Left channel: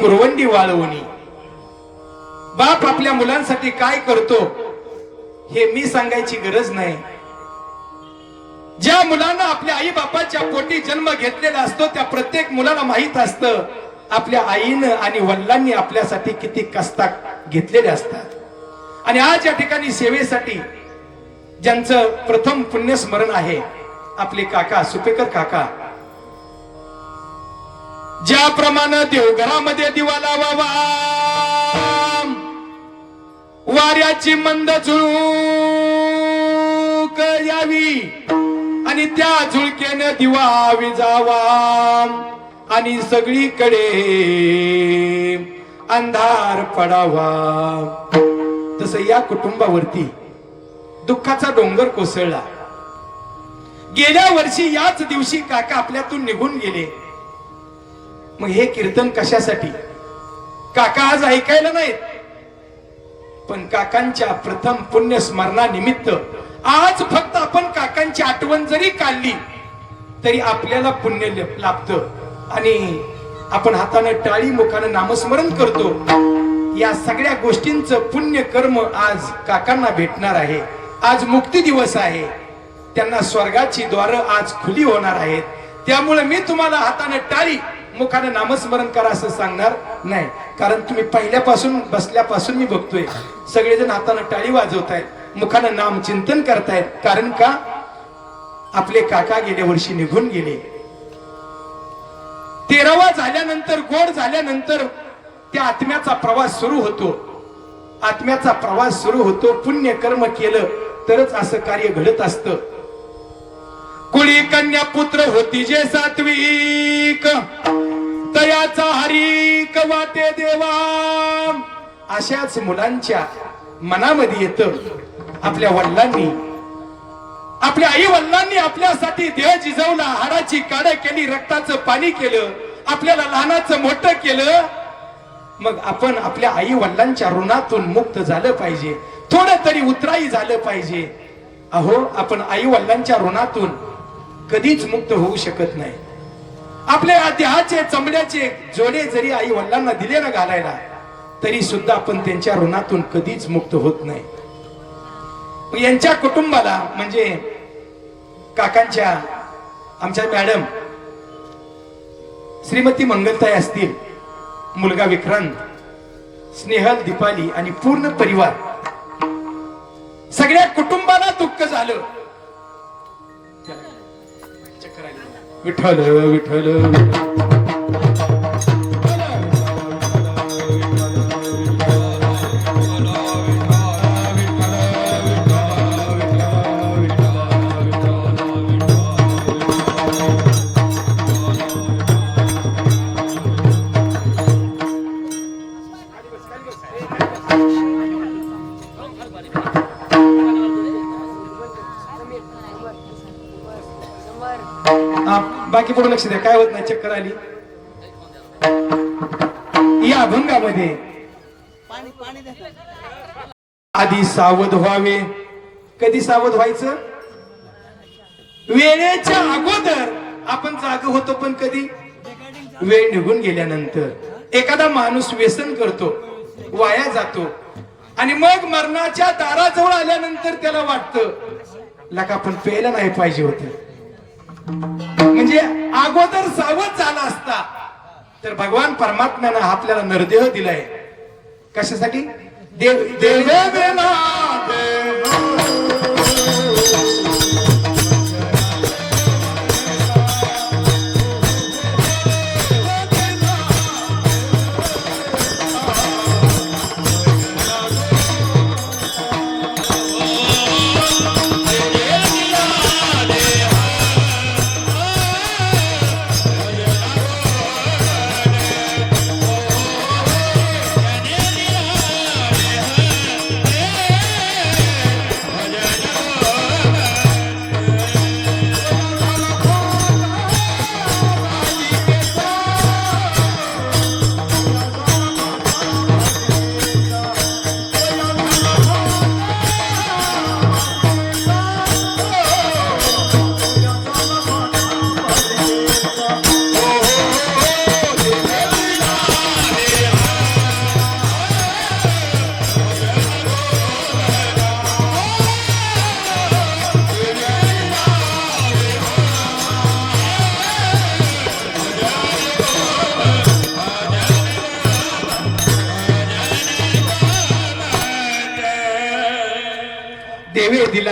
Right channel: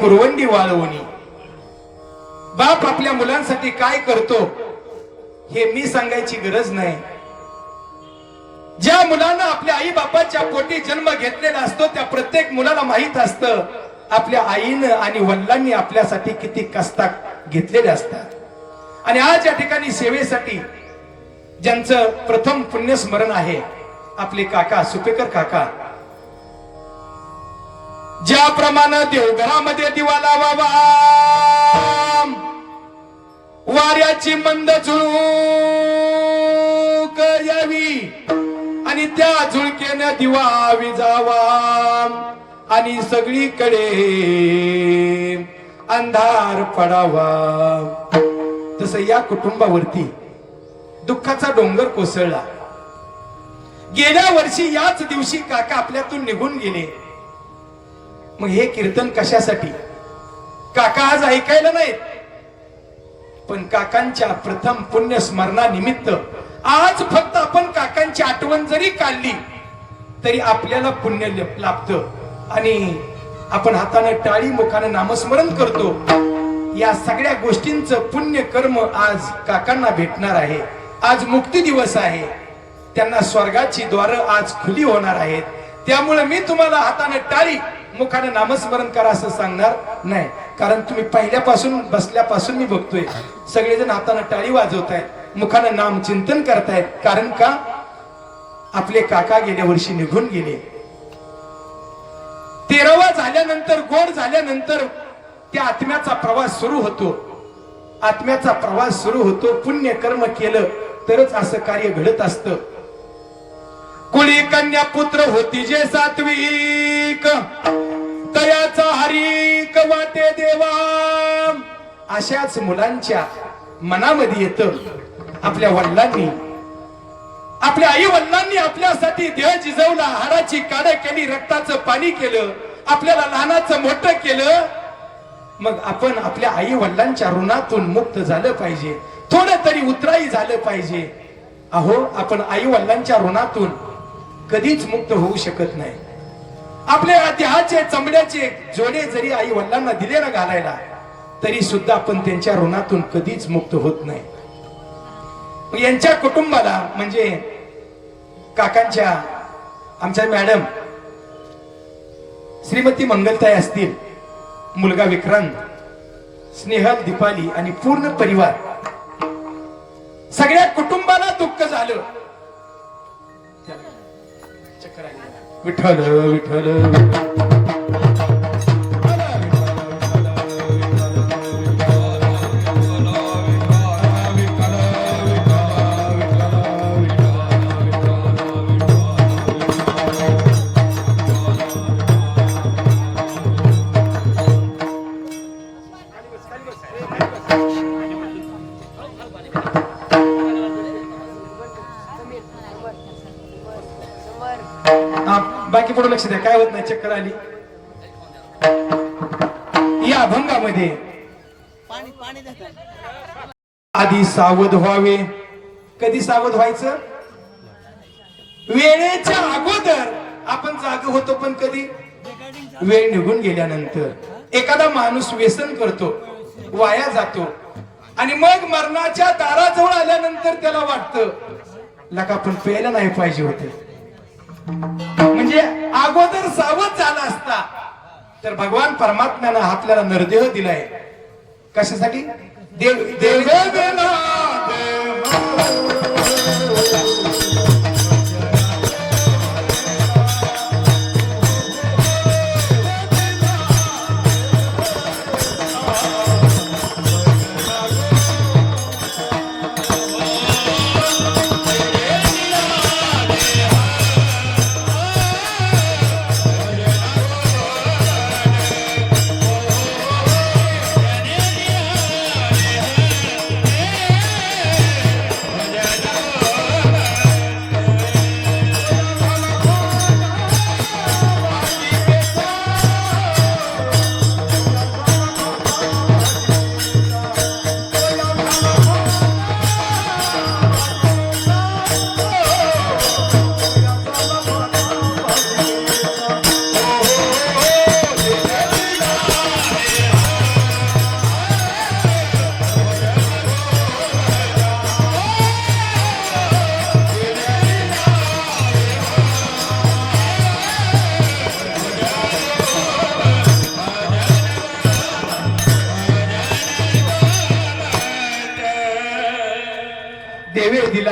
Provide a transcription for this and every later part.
कुरवंडी वाळवणी. बाप आपल्या मुलांसाठी काय करतो हे मी सांगायची गरज नाही. ज्या मुलांना आपल्या आई बापाच्या पोटी जन्म घेतलेला असतो त्या प्रत्येक मुलाला माहीत असतं आपल्या आईनं आणि वडिलांनी आपल्यासाठी किती कस्ता घेतलेले असतात. आणि आज या ठिकाणी सेवेसाठी ज्यांचं प्रथम पुण्यस्मरण आहे आपले काका सुपेकर काका ज्याप्रमाणे देवघरामध्ये दिवा लावावा. वाऱ्याची मंद झुळूक यावी आणि त्या झुळकेनं दिवा विजावा. आणि सगळीकडे अंधार पडावा. तसं या कुटुंबावरती दुःखाचा डोंगर कोसळला. गेल्या वर्षी याच दिवशी काका आपल्यातून निघून गेले. मग हे कीर्तन कशासाठी? काका आज ऐकायला नाहीत. पण काकांच्या प्रथम पुण्य स्मरणानिमित्त आज फक्त आपण काकांची आठवण जरी काढली तरी आपल्याला पुण्य लाभत. आणि आपण हाताने टाळी मुखानं नामस्मरण करतो. या सगळ्या गोष्टींचं पुण्य कर्म आज काकांना भेटणार आहे. आज मुक्ती दिवस आहे. त्यांना स्वर्गाची द्वार आज खुली होणार आहेत. त्यामुळे मी तुम्हाला हाताने टाळी मुखाने नामस्मरण करा असं सांगणार नाही. कारण तुम्ही पहिल्यापासून बसल्यापासून मी बघतोय. सगळेजण हाताने टाळी वाजवतायत. मुखाने नाम चिंतन करतायत. कारण का? आपले काका गेल्या वर्षी निघून गेले. तेरावा झाल्यानंतर गोड झाल्यानंतर त्या आत्म्याचा प्रवास सुरू होतो. आत्म्याचा प्रवास सुरू होतो. पुण्य कर्म केलं तरच असं कार्य घडत असतं. कुळी कन्या पुत्र होती जे सात्विक. तयाचा हरिक वाते देवा. अशाच मुलांच्या मनामध्ये येत आपल्या वडिलांनी. आपल्या आई वडिलांनी आपल्यासाठी देह जिजवला हाराची काढ केली रक्ताचं पाणी केलं आपल्याला लहानाचं मोठं केलं. मग आपण आपल्या आई वडिलांच्या ऋणातून मुक्त झालं पाहिजे. थोडं तरी उतराई झालं पाहिजे. अहो आपण आई वडिलांच्या ऋणातून कधीच मुक्त होऊ शकत नाही. आपल्या देहाचे चमड्याचे जोडे जरी आई वडिलांना दिले ना घालायला तरी सुद्धा आपण त्यांच्या ऋणातून कधीच मुक्त होत नाही. यांच्या कुटुंबाला म्हणजे काकांच्या आमच्या मॅडम श्रीमती मंगलताई असतील मुलगा विक्रांत स्नेहल दीपाली आणि पूर्ण परिवार सगळ्या कुटुंबाला दुःख झालं. विठ्ठल विठ्ठल. हा, पुढे लक्ष द्या. काय होत नाही? चक्कर आली. या अभंगामध्ये आधी सावध व्हावे. कधी सावध व्हायचं? वेळेच्या अगोदर. आपण जाग होतो पण कधी? वेळ निघून गेल्यानंतर. एखादा माणूस व्यसन करतो वाया जातो आणि मग मरणाच्या दाराजवळ आल्यानंतर त्याला वाटतं लका आपण प्यायला नाही पाहिजे होते. म्हणजे अगोदर सावध झाला असता. तर भगवान परमात्म्यानं आपल्याला नरदेह दिलाय. कशासाठी? देव देव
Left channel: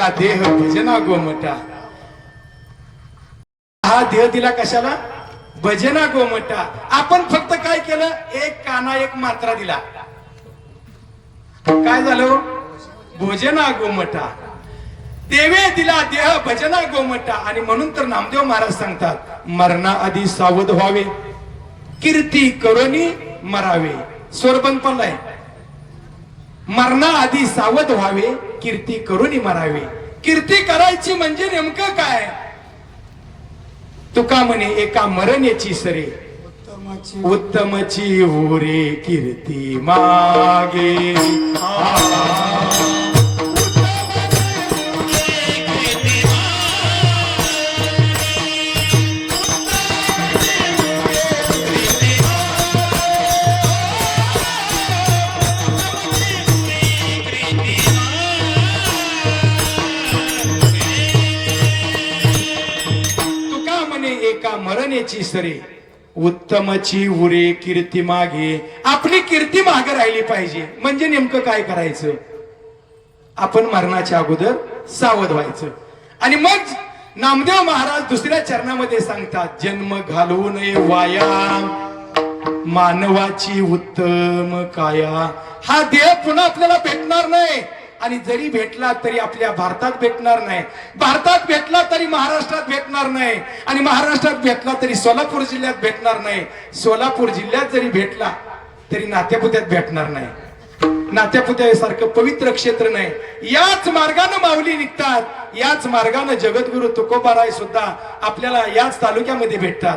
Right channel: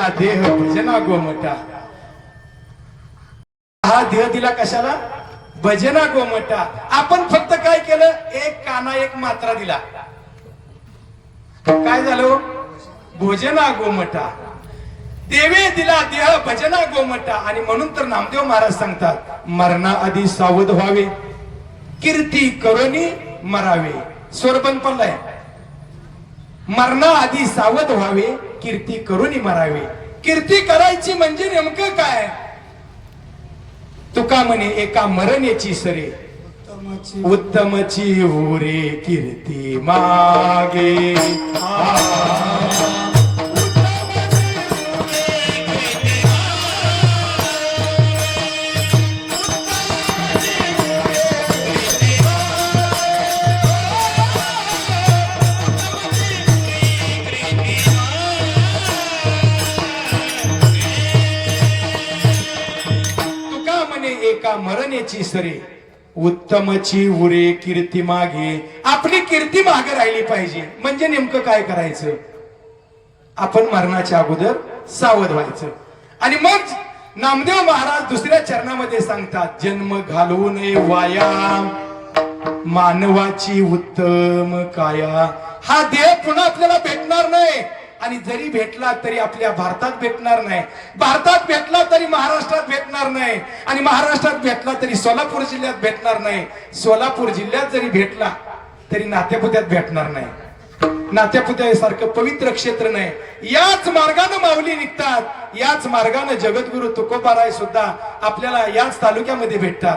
हा देह भजना गोमटा हा देह दिला कशाला? भजना गोमटा आपण फक्त काय केलं? एक काना एक मात्रा दिला. काय झालं हो? भोजना गोमटा देवे दिला देह भजना गोमटा आणि म्हणून तर नामदेव महाराज सांगतात मरणा आधी सावध व्हावे. कीर्ती करोनी मरावे. स्वरबन पण आहे मरणा आधी सावध व्हावे कीर्ती करोनी मरावे. कीर्ती करायची म्हणजे नेमकं काय? तुका म्हणे एका मरणेची सरे. उत्तमची. उरे कीर्ती मागे. मरणेची सरे. उत्तमची उरे कीर्ती मागे. आपली कीर्ती मागे राहिली पाहिजे. म्हणजे नेमकं काय करायचं? आपण मरणाच्या अगोदर सावध व्हायचं. आणि मग नामदेव महाराज दुसऱ्या चरणामध्ये सांगतात जन्म घालवू नये वाया. मानवाची उत्तम काया. हा देह पुन्हा आपल्याला भेटणार नाही. आणि जरी भेटला तरी आपल्या भारतात भेटणार नाही. भारतात भेटला तरी महाराष्ट्रात भेटणार नाही. आणि महाराष्ट्रात भेटला तरी सोलापूर जिल्ह्यात भेटणार नाही. सोलापूर जिल्ह्यात जरी भेटला तरी नात्यापुत्यात भेटणार नाही. नात्यापुत्यासारखं पवित्र क्षेत्र नाही. याच मार्गानं माऊली निघतात. याच मार्गानं जगद्गुरु तुकोबाराय सुद्धा आपल्याला याच तालुक्यामध्ये भेटतात.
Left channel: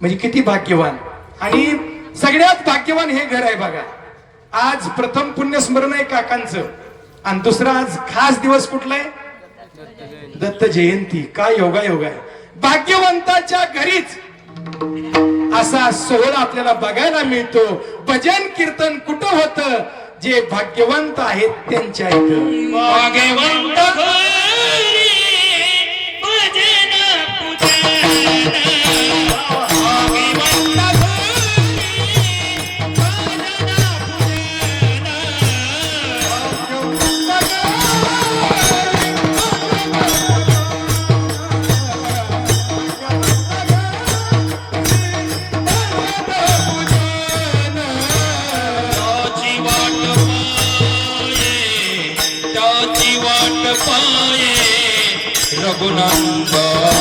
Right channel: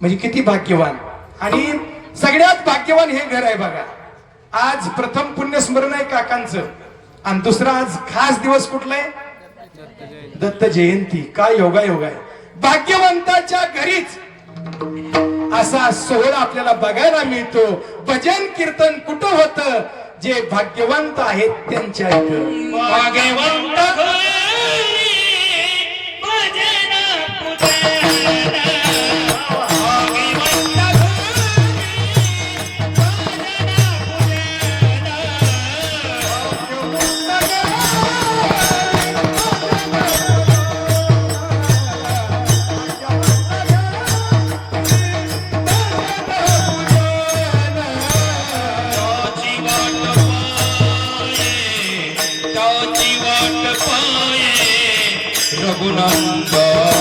म्हणजे किती भाग्यवान. आणि सगळ्यात भाग्यवान हे घर आहे बघा. आज प्रथम पुण्यस्मरण आहे काकांचं. आणि दुसरा आज खास दिवस कुठला आहे? दत्त जयंती. काय योगा योगा आहे. भाग्यवंताच्या घरीच असा सोहळा आपल्याला बघायला मिळतो. भजन कीर्तन कुठं होतं? जे भाग्यवंत आहेत त्यांच्या इथं. भाग्यवंत রঘুনন্দন